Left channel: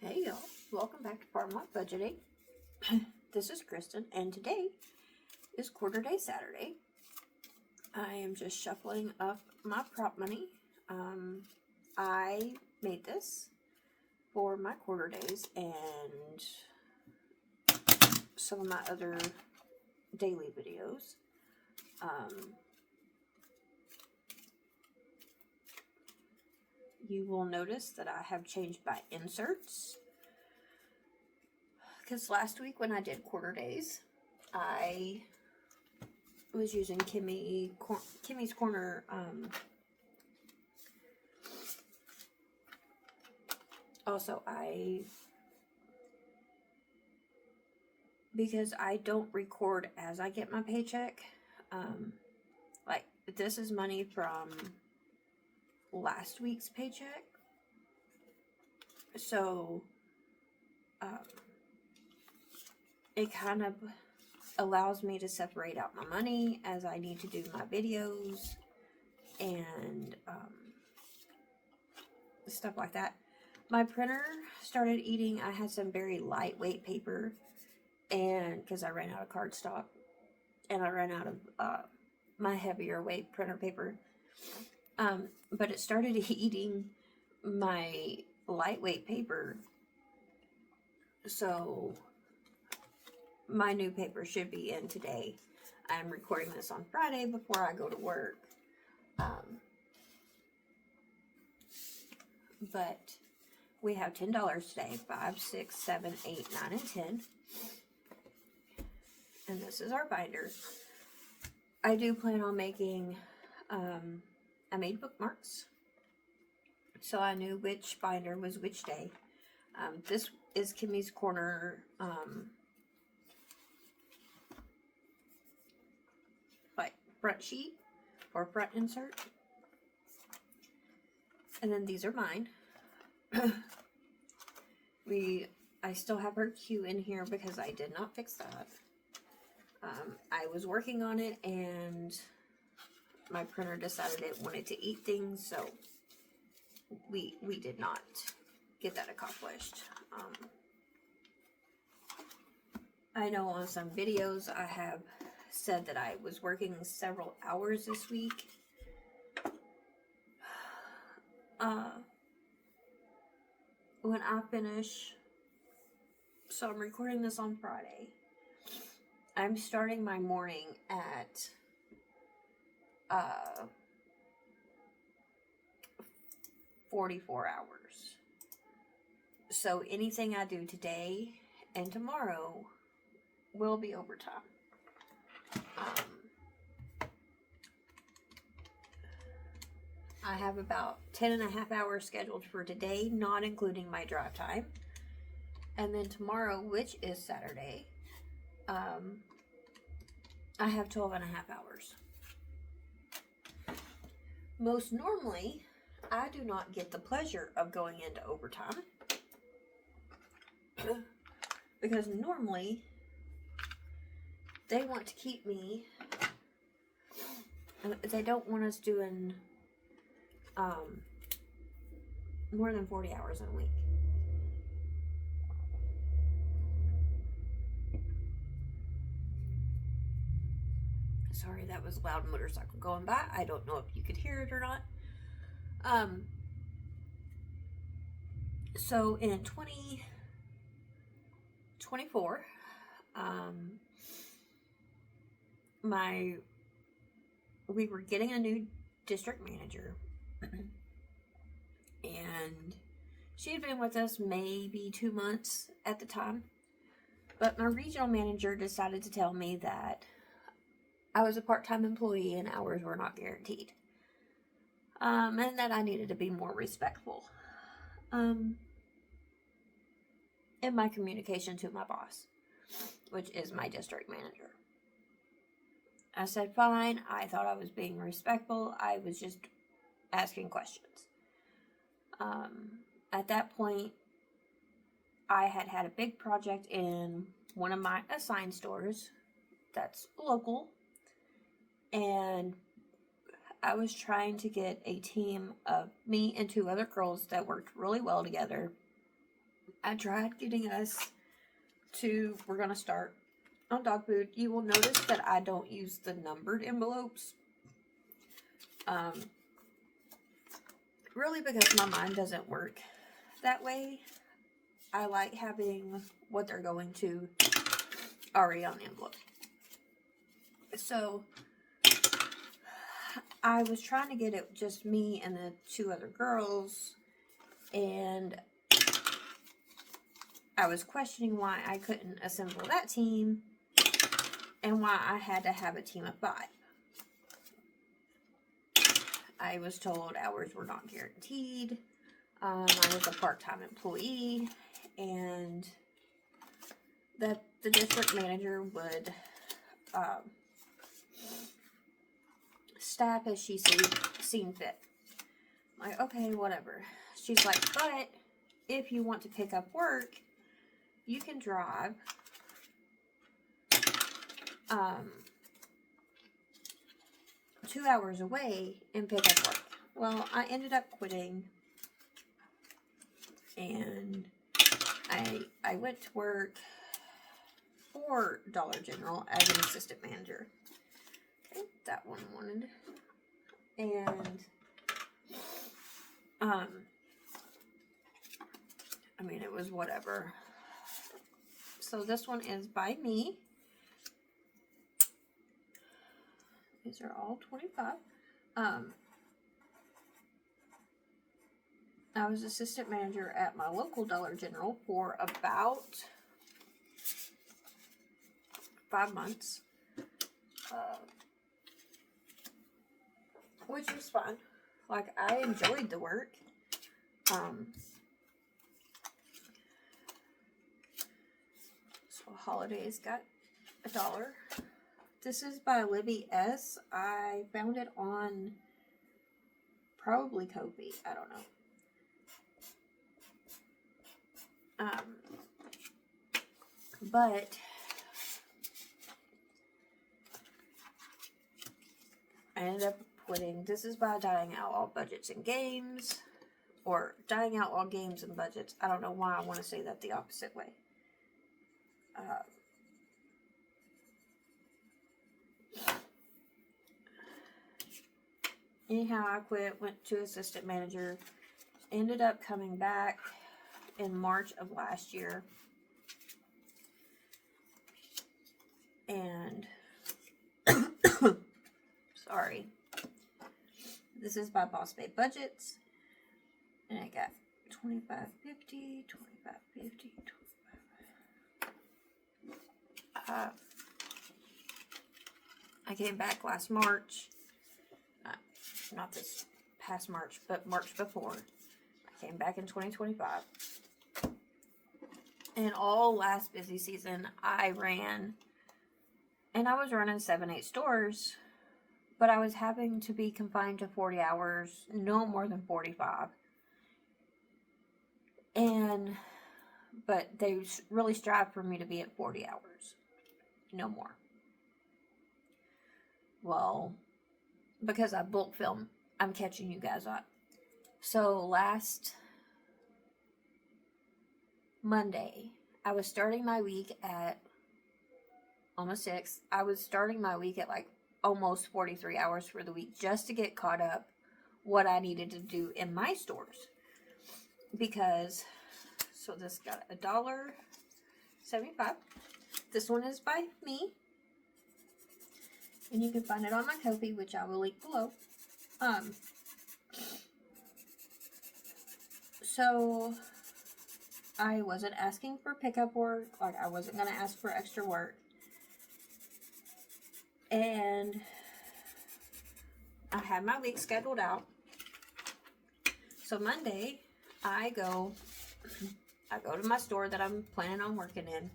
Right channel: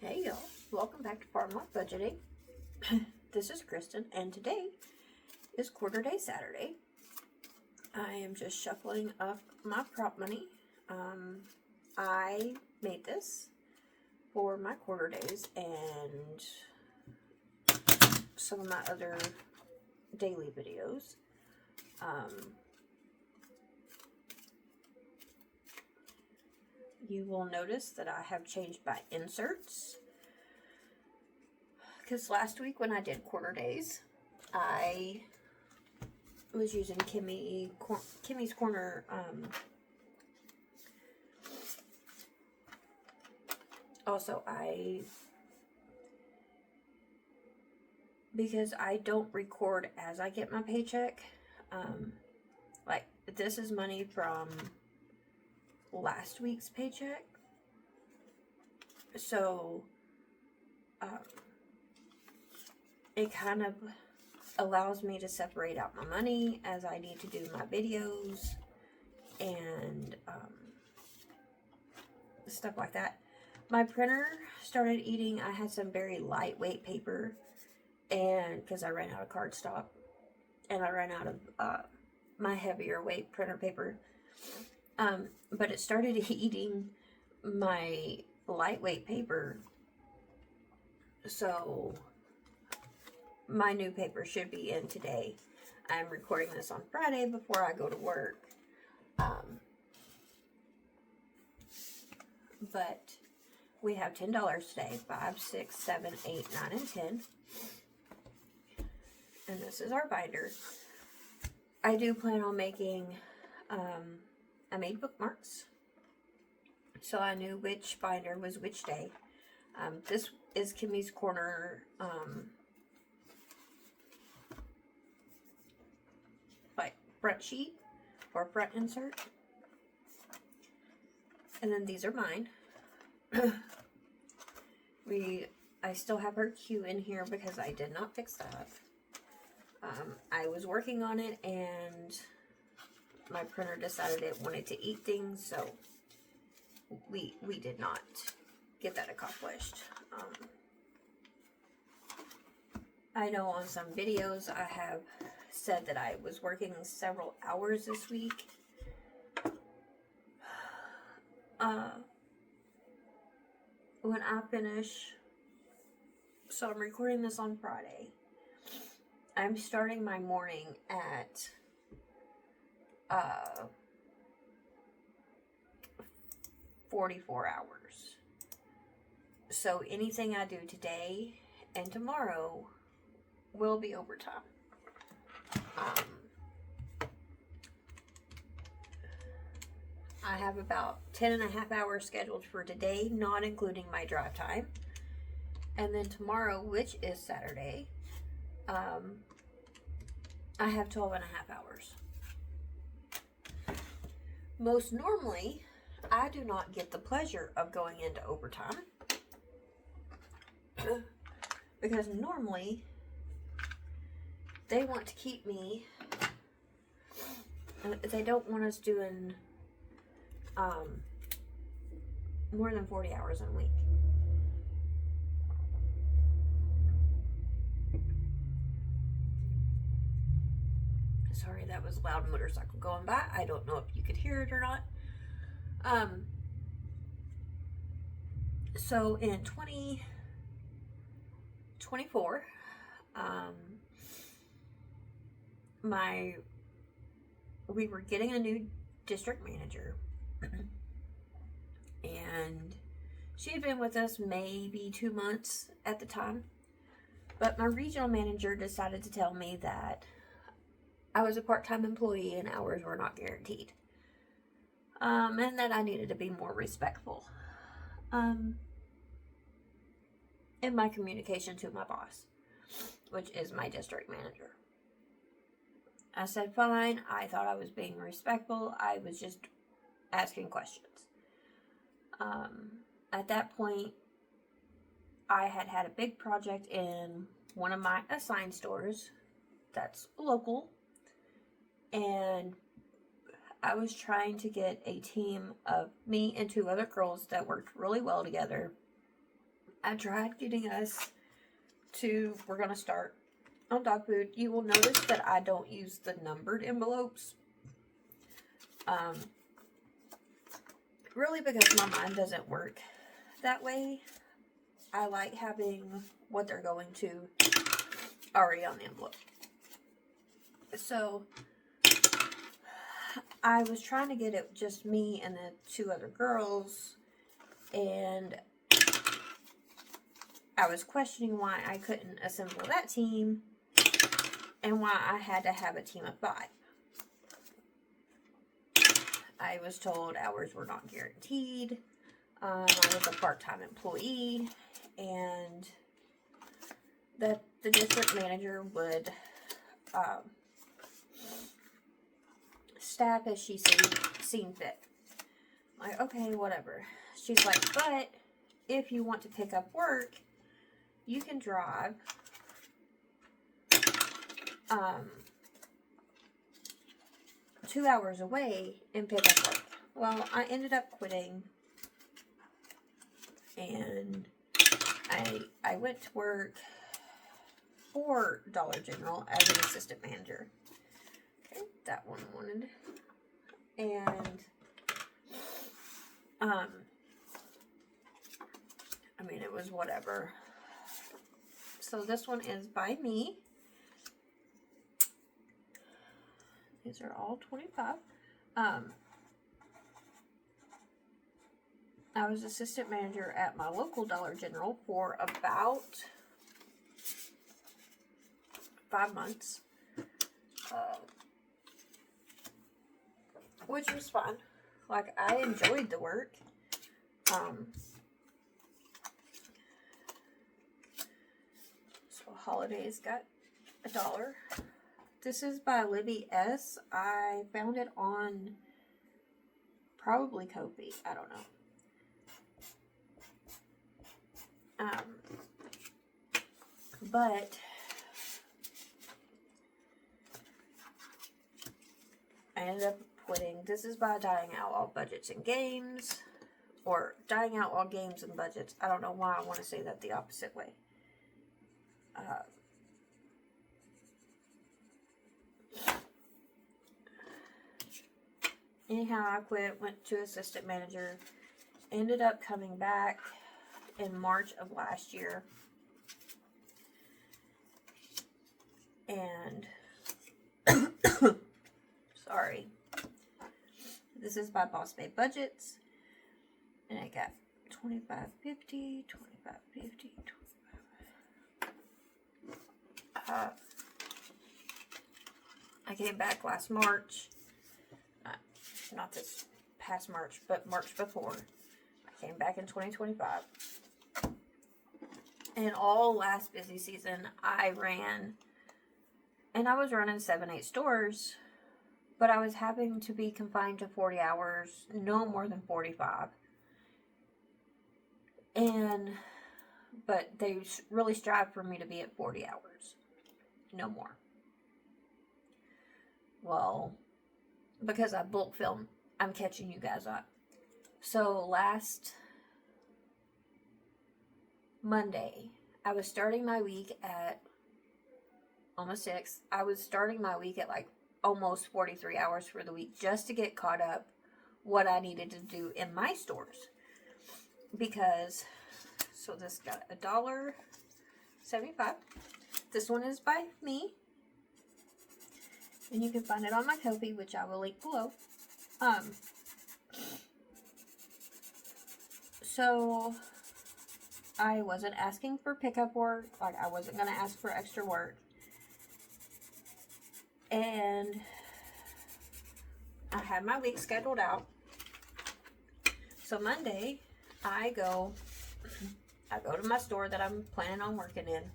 Hey y'all, welcome back to Farm Life Budgeting. This is Kristen, and today is quarter day Saturday. I am just shuffling up my prop money. I made this for my quarter days and some of my other daily videos. You will notice that I have changed my inserts. Because last week when I did quarter days, I was using Kimmy's Corner also because I don't record as I get my paycheck, like this is money from last week's paycheck, so it kind of allows me to separate out my money as I need to do my videos and stuff like that. My printer started eating. I had some very lightweight paper, and because I ran out of cardstock and I ran out of my heavier weight printer paper, but it started eating my lightweight paper, so my new paper should be in today. I'm recording this on Friday before I go to work. But we have $10 today. 5, 6, 7, 8, 9, and 10. And this is our binder. I do plan on making, I made bookmarks, so I knew which binder was which day. This is Kimmy's Corner, like front sheet or front insert. And then these are mine. I still have her cue in here because I did not fix that. I was working on it and my printer decided it wanted to eat things, so we did not get that accomplished. I know on some videos I have said that I was working several hours this week. When I finish, so I'm recording this on Friday. I'm starting my morning at 44 hours. So anything I do today and tomorrow will be overtime. I have about 10.5 hours scheduled for today, not including my drive time. And then tomorrow, which is Saturday, I have 12.5 hours. Most normally, I do not get the pleasure of going into overtime because normally they want to keep me, they don't want us doing more than 40 hours in a week. Sorry, that was a loud motorcycle going by. I don't know if you could hear it or not. So in 2024, we were getting a new district manager, and she had been with us maybe 2 months at the time, but my regional manager decided to tell me that I was a part-time employee and hours were not guaranteed, and that I needed to be more respectful in my communication to my boss, which is my district manager. I said, fine. I thought I was being respectful. I was just asking questions. At that point, I had a big project in one of my assigned stores that's local, and I was trying to get a team of me and 2 other girls that worked really well together I tried getting us to, we're going to start on dog food. You will notice that I don't use the numbered envelopes. Really because my mind doesn't work that way. I like having what they're going to already on the envelope. So I was trying to get it just me and the 2 other girls, and I was questioning why I couldn't assemble that team and why I had to have a team of 5. I was told hours were not guaranteed. I was a part-time employee, and that the district manager would staff as she seen fit. I'm like, okay, whatever. She's like, but if you want to pick up work, you can drive 2 hours away and pick up work. Well, I ended up quitting, and I went to work for Dollar General as an assistant manager. Okay, that one wanted. And I mean, it was whatever. So this one is by me. These are all 25. I was assistant manager at my local Dollar General for about 5 months, which was fun. Like, I enjoyed the work. So Holidays got $1. This is by Libby S. I found it on probably Kofi. I don't know. But I ended up quitting. This is by Dying Out All Budgets and Games, or Dying Out All Games and Budgets. I don't know why I want to say that the opposite way. Anyhow, I quit, went to assistant manager, ended up coming back in March of last year. And sorry. This is by Boss Babe Budgets. And I got $25.50, $25.50, $25. I came back last March. Not this past March, but March before. I came back in 2025. And all last busy season, I ran, and I was running 7-8 stores, but I was having to be confined to 40 hours, no more than 45. But they really strive for me to be at 40 hours, no more. Well, because I bulk film, I'm catching you guys up. So last Monday, I was starting my week at almost 6. I was starting my week at like almost 43 hours for the week just to get caught up what I needed to do in my stores. Because, so this got $1.75. This one is by me. And you can find it on my Ko-fi, which I will link below. So I wasn't asking for pickup work. Like, I wasn't going to ask for extra work. And I had my week scheduled out. So Monday, I go to my store that I'm planning on working in.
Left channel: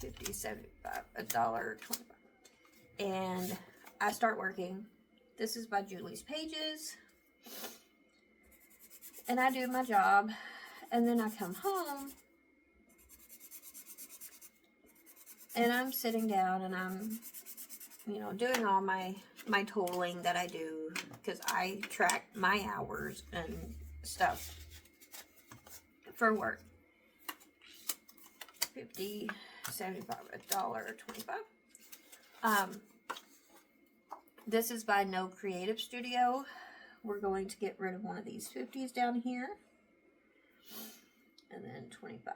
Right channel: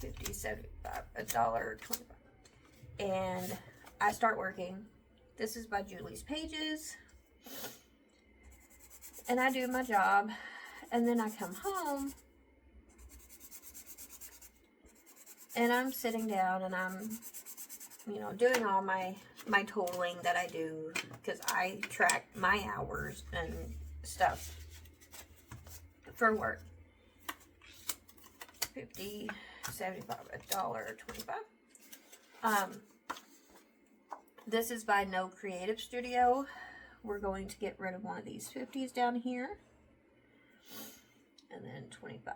50, 75, $1.25. And I start working. This is by Julie's Pages. And I do my job. And then I come home. And I'm sitting down and I'm, doing all my totaling that I do. Because I track my hours and stuff. for work. 50, 75, $1.25. This is by NoeCreativeStudio. We're going to get rid of one of these 50s down here. And then 25.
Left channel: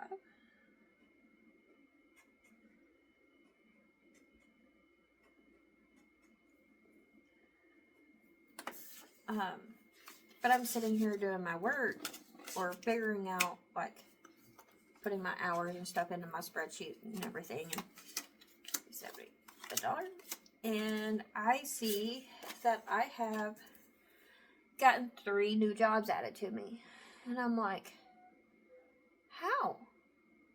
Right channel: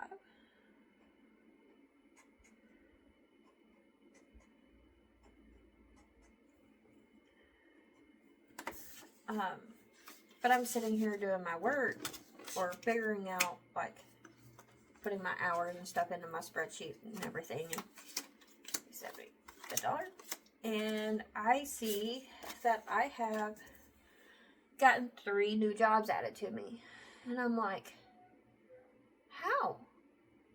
But I'm sitting here doing my work or figuring out, like, putting my hours and stuff into my spreadsheet and everything. And $70. And I see that I have gotten 3 new jobs added to me. And I'm like, how?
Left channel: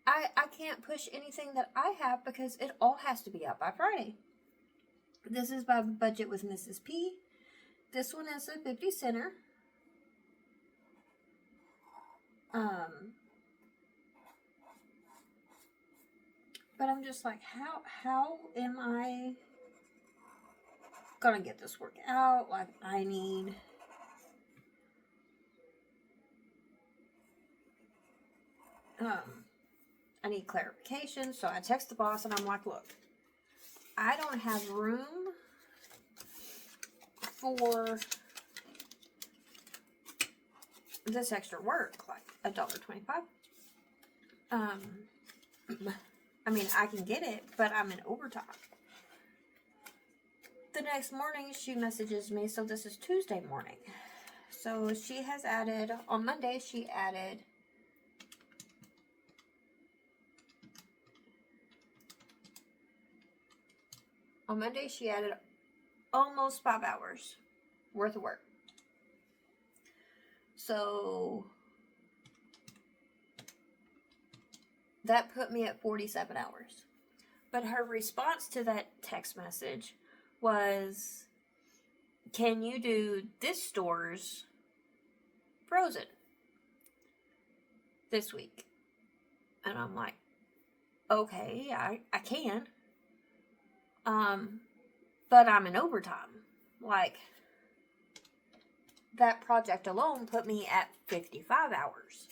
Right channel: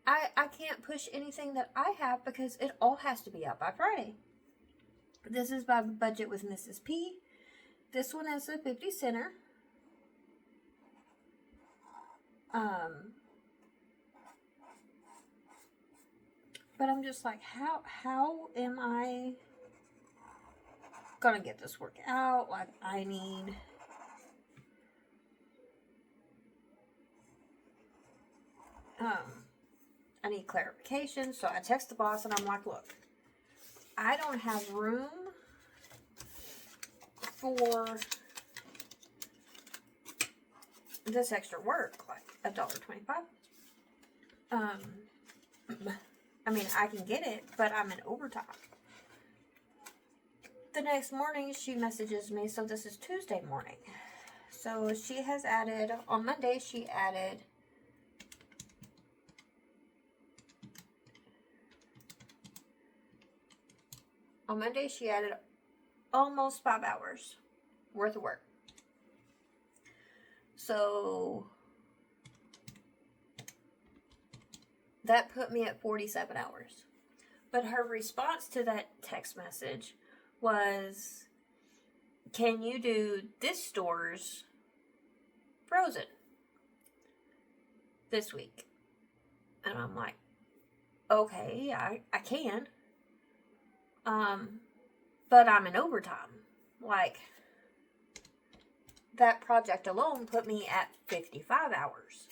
I can't push anything that I have because it all has to be out by Friday. This is by Budget with Mrs. P. This one is a 50 center. But I'm just like, how am I gonna get this work out? Like, I need clarification. So I text the boss and I'm like, look, I don't have room for this extra work, like $1.25. I mean, I can get it, but I'm in overtime. The next morning, she messages me, so this is Tuesday morning. So she has added, on Monday, she added almost 5 hours worth of work. So that put me at 47 hours. But her response to that text message was, can you do this store's Frozen this week? And I'm like, okay, yeah, I can. But I'm in overtime. Like, that project alone put me at 55 hours.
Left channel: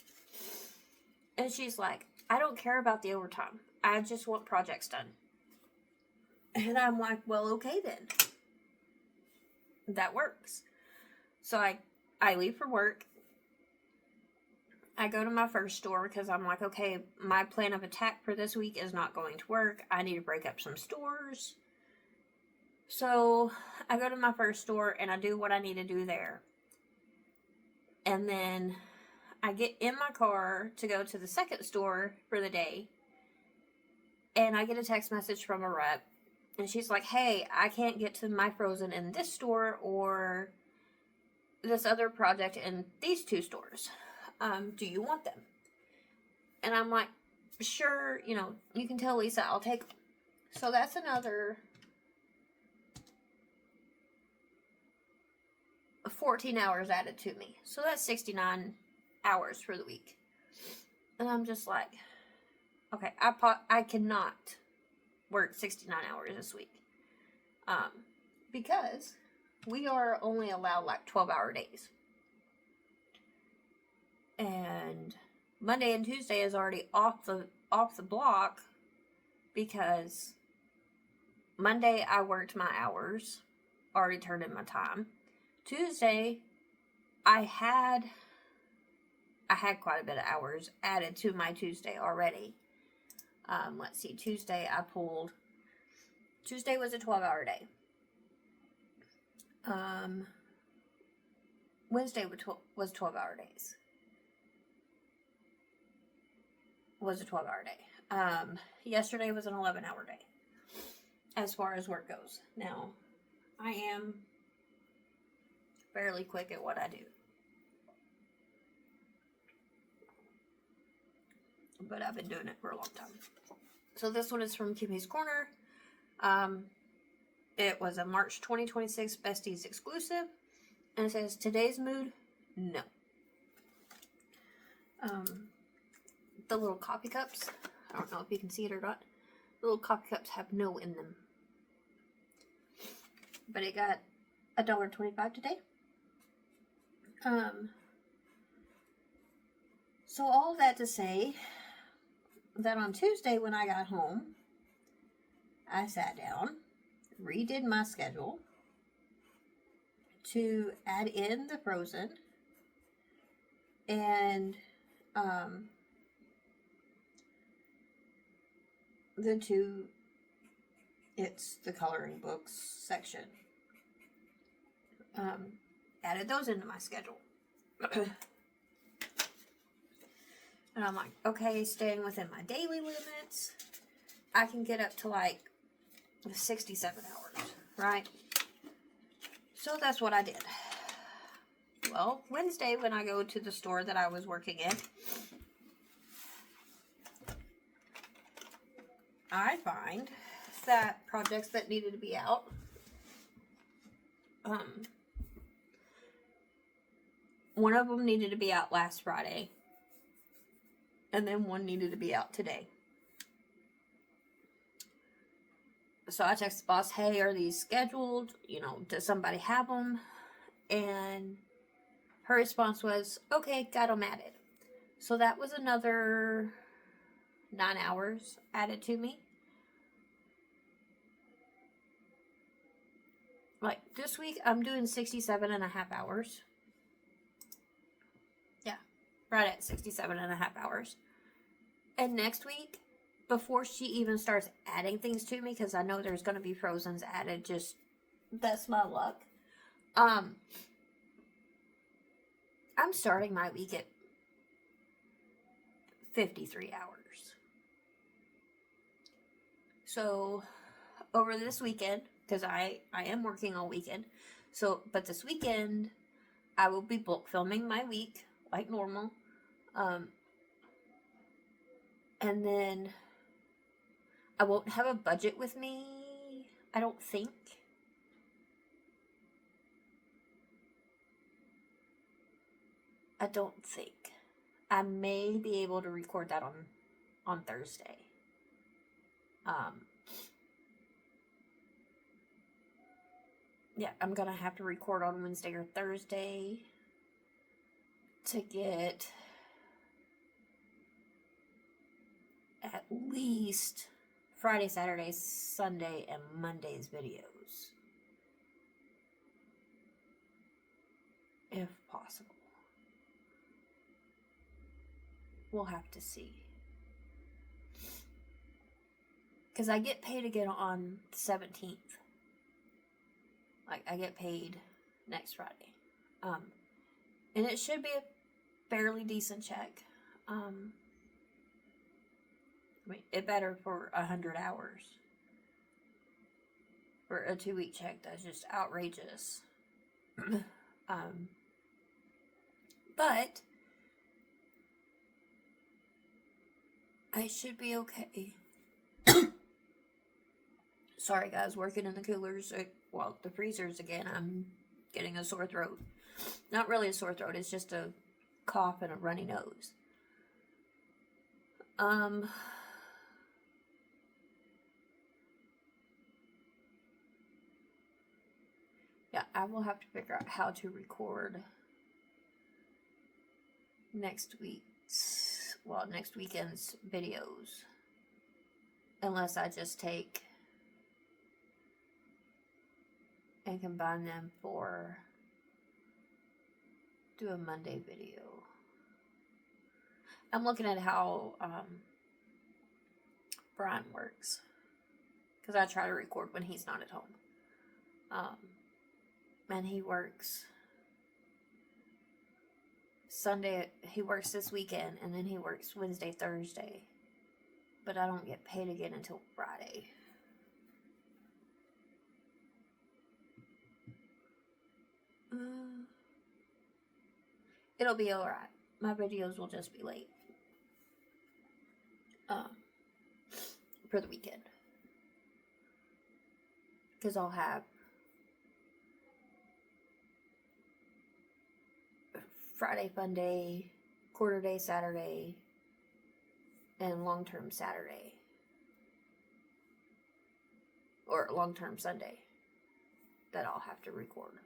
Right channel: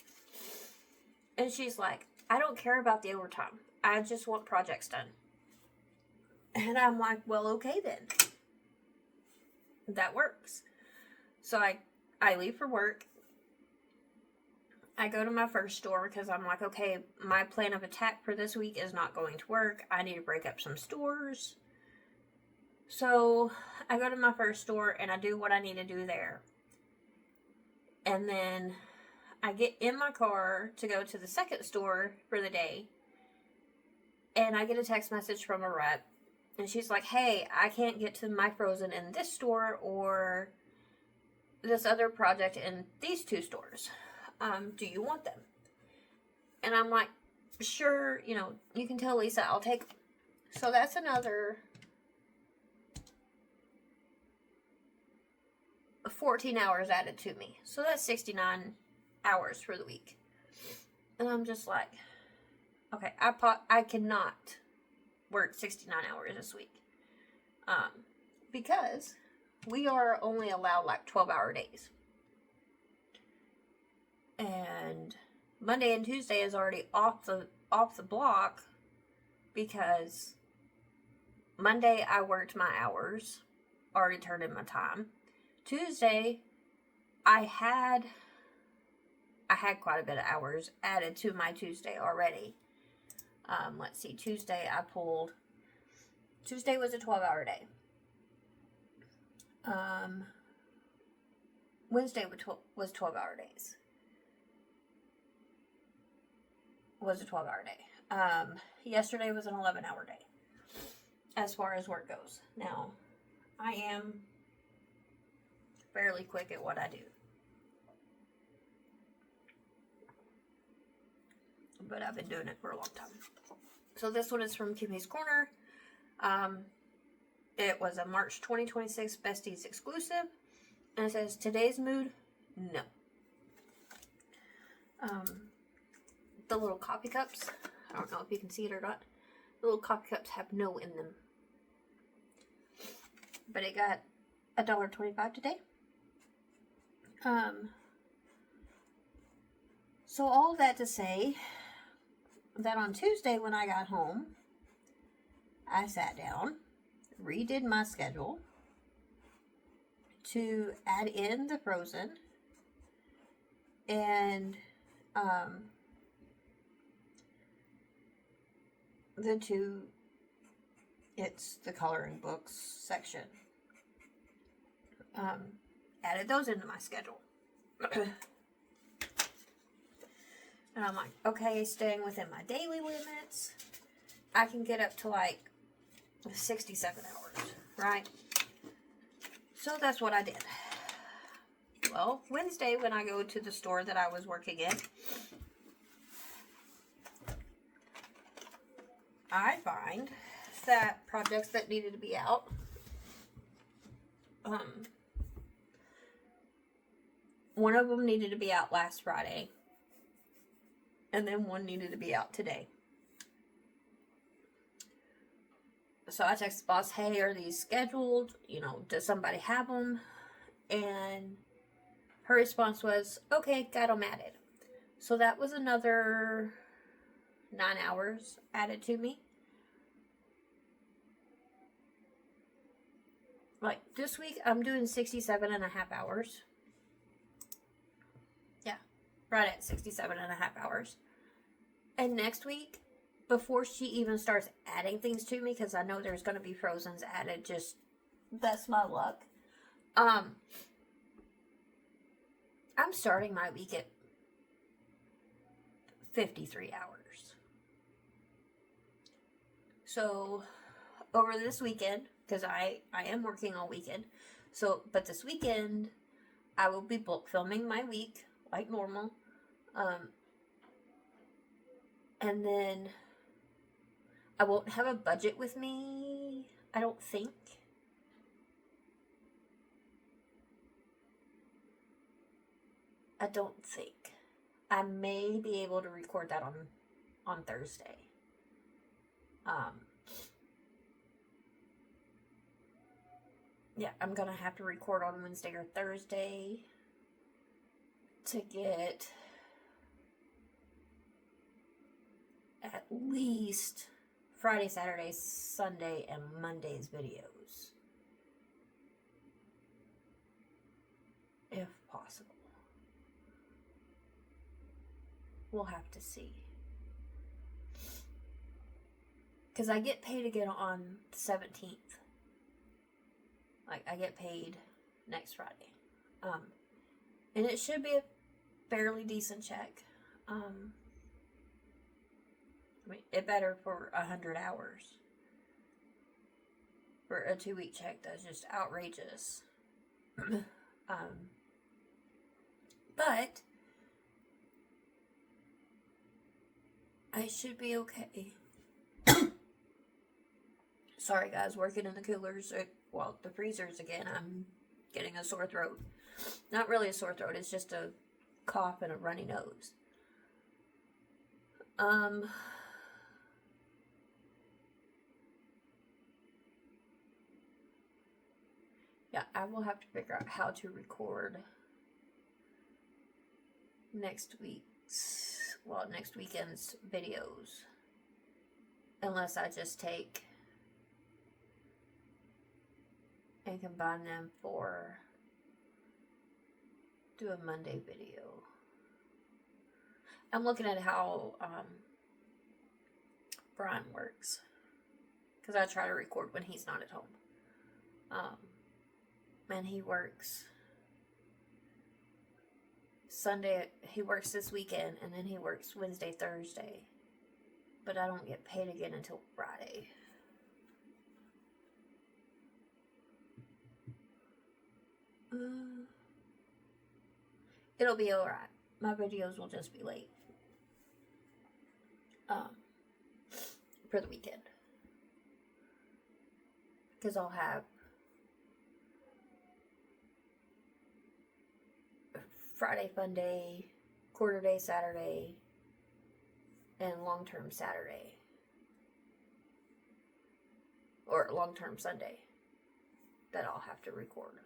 And she's like, I don't care about the overtime. I just want projects done. And I'm like, well, okay then. That works. So I leave for work. I go to my first store because I'm like, okay, my plan of attack for this week is not going to work. I need to break up some stores. So I go to my first store and I do what I need to do there. And then I get in my car to go to the second store for the day. And I get a text message from a rep. And she's like, hey, I can't get to my Frozen in this store or this other project in these 2 stores. Do you want them? And I'm like, sure, you can tell Lisa I'll take them. So that's another 14 hours added to me. So that's 69 hours for the week. And I'm just like, okay, I cannot work 69 hours this week. Because we are only allowed like 12-hour days. And Monday and Tuesday is already off the block because Monday I worked my hours, already turned in my time. Tuesday I had quite a bit of hours added to my Tuesday already. Let's see, Tuesday was a 12-hour day. Wednesday was 12-hour days. Was a 12-hour day. Yesterday was an 11-hour day. As far as work goes. Now, I am fairly quick at what I do. But I've been doing it for a long time. So this one is from Kimmy's Corner. It was a March 2026 Besties exclusive. And it says, today's mood, no. The little coffee cups, I don't know if you can see it or not. The little coffee cups have no in them. But it got $1.25 today. So all that to say that on Tuesday when I got home, I sat down, redid my schedule to add in the Frozen and the two, it's the coloring books section. Added those into my schedule. And I'm like, okay, staying within my daily limits, I can get up to like 67 hours, right? So that's what I did. Well, Wednesday when I go to the store that I was working in, I find that projects that needed to be out, one of them needed to be out last Friday, and then one needed to be out today. So I texted the boss, hey, are these scheduled? You know, does somebody have them? And her response was, okay, got them added. So that was another 9 hours added to me. Like this week, I'm doing 67 and a half hours. Yeah, right at 67 and a half hours. And next week, before she even starts adding things to me, because I know there's going to be Frozens added, just, that's my luck. I'm starting my week at 53 hours. So, over this weekend, because I am working all weekend, so, but this weekend, I will be bulk filming my week, like normal, and then I won't have a budget with me, I don't think. I don't think. I may be able to record that on Thursday. Yeah, I'm gonna have to record on Wednesday or Thursday to get at least Friday, Saturday, Sunday, and Monday's videos. If possible. We'll have to see. Because I get paid again on the 17th. Like, I get paid next Friday. And it should be a fairly decent check. I mean, it better for 100 hours. For a 2-week check, that's just outrageous. But I should be okay. Sorry guys, working in the coolers, the freezers again, I'm getting a sore throat. Not really a sore throat, it's just a cough and a runny nose. Yeah, I will have to figure out how to record next weekend's videos. Unless I just take and combine them do a Monday video. I'm looking at how Brian works, because I try to record when he's not at home. And he works Sunday, he works this weekend, and then he works Wednesday, Thursday. But I don't get paid again until Friday. It'll be alright. My videos will just be late. For the weekend. Because I'll have Friday Fun Day, Quarter Day Saturday, and Long-Term Saturday. Or Long-Term Sunday. That I'll have to record.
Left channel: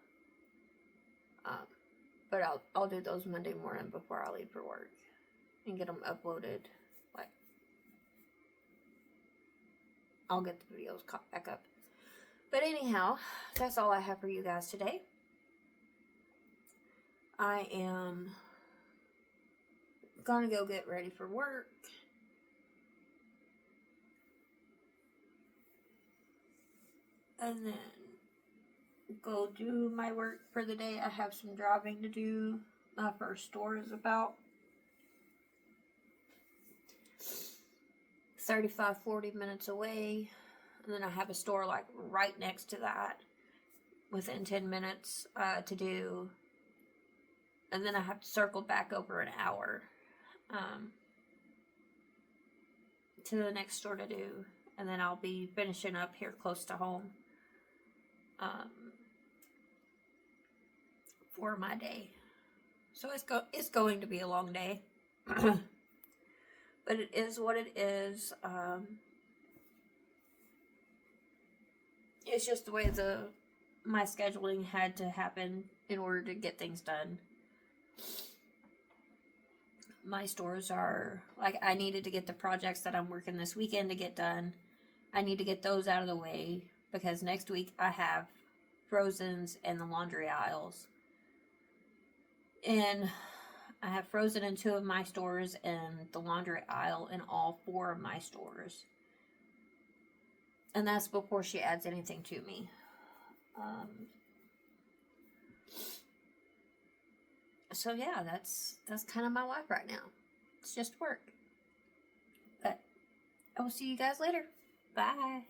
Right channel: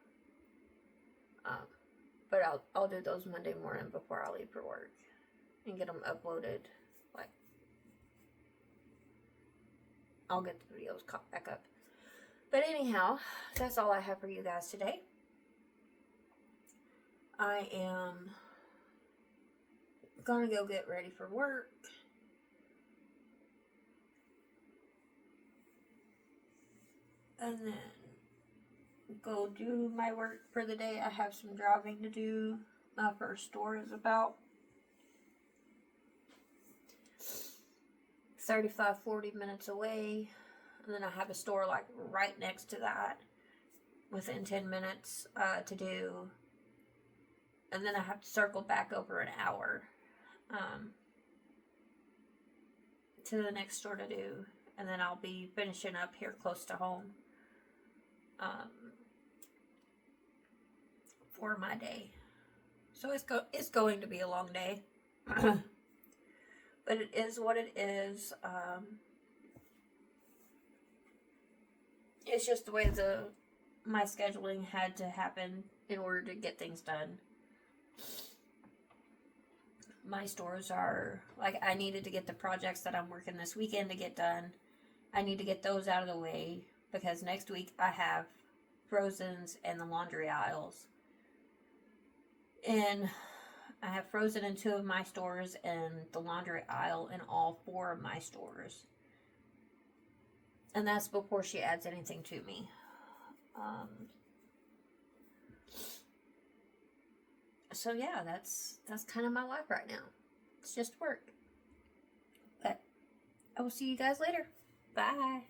But I'll do those Monday morning before I leave for work. and get them uploaded. Like, I'll get the videos caught back up. But anyhow, that's all I have for you guys today. I am gonna go get ready for work. And then go do my work for the day. I have some driving to do. My first store is about 35-40 minutes away. And then I have a store like right next to that within 10 minutes to do. And then I have to circle back over an hour to the next store to do. And then I'll be finishing up here close to home for my day. So it's going to be a long day. But it is what it is. It's just the way my scheduling had to happen in order to get things done. My stores are, like, I needed to get the projects that I'm working this weekend to get done. I need to get those out of the way because next week I have Frozen's and the laundry aisles. And I have Frozen in 2 of my stores and the laundry aisle in all 4 of my stores. And that's before she adds anything to me. So yeah, that's kind of my life right now. It's just work. But I will see you guys later. Bye.